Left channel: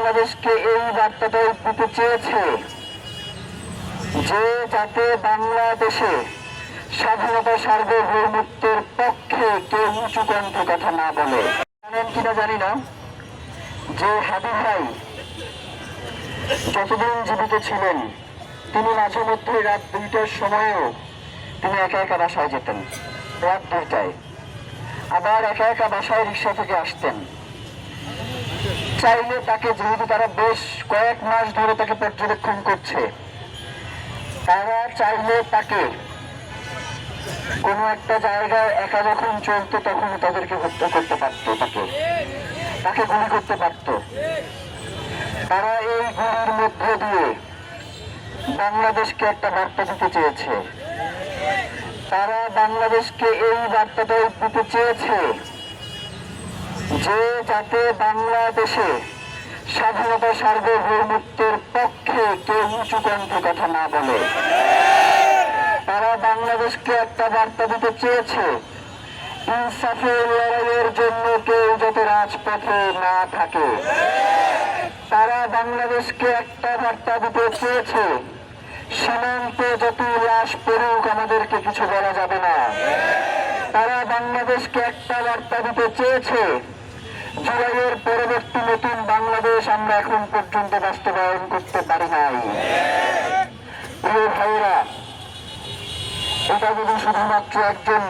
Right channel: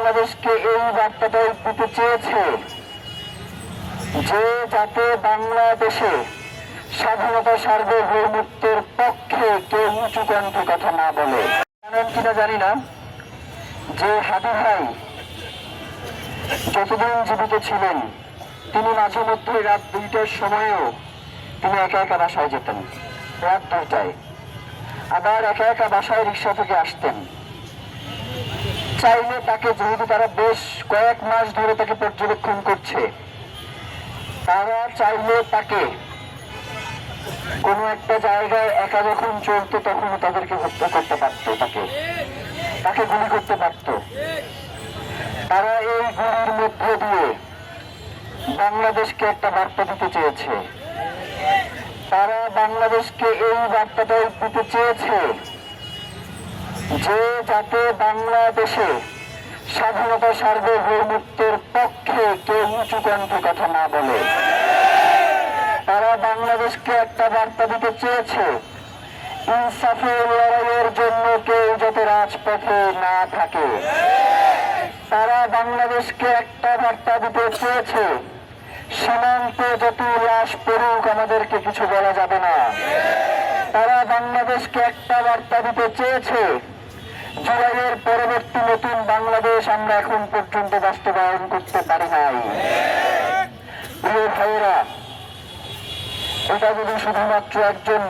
বাংলাদেশকে এই বার্তাটাই দিতে চেয়েছে যে যাতে বাংলাদেশে স্বাধীনতা সার্বভৌমত্বের পক্ষে কেউ উঁচু কণ্ঠে কথা না বলে। জানেন কিনা জানি না যে হাদি ভাই যতদিন জীবিত ছিলেন তিনি মাঝে মধ্যে রাত 2টার সময়ও তিনি একা একা বাসায় যেতেন, রাত 2টায়। আবার একা একা বাসায় রিক্সা থেকে আসতেন। চাইলে তাকে, যেহেতু তারা বেশ কয়েক মাস ধরে তাকে পর্যবেক্ষণ করছে, তারা চাইলে তাকে কোনো একটা জায়গায় একা যখন চলতো তখন তাদেরকে হত্যা করতে পারত, তাকে গুলি করতে পারত। তারা এই গুলির মধ্যে দিয়ে বাংলাদেশকে একটা বার্তা দিতে চেয়েছে। তারা বাংলাদেশকে এই বার্তাটাই দিতে চেয়েছে যে যাতে বাংলাদেশে স্বাধীনতা সার্বভৌমত্বের পক্ষে কেউ উঁচু কণ্ঠে কথা না বলে। তারা বাংলাদেশকে একটা বার্তা দিতে চেয়েছে ইনসাফের লড়াইয়ের জন্য কেউ যাতে রাজপথে না থাকে। তারা বাংলাদেশকে একটা বার্তা দিতে চেয়েছে সীমান্তে যত লাশ পড়ুক আমাদেরকে কিছু বলা যাবে না। তারা বাংলাদেশকে একটা বার্তা দিতে চেয়েছে জুলাইয়ের পরবর্তী নতুন বাংলাদেশ আমরা এখন পর্যন্ত বাস্তবায়ন করতে পারি নাই। প্রিয় ভাইয়েরা, এটা যদি শুধুমাত্র একজন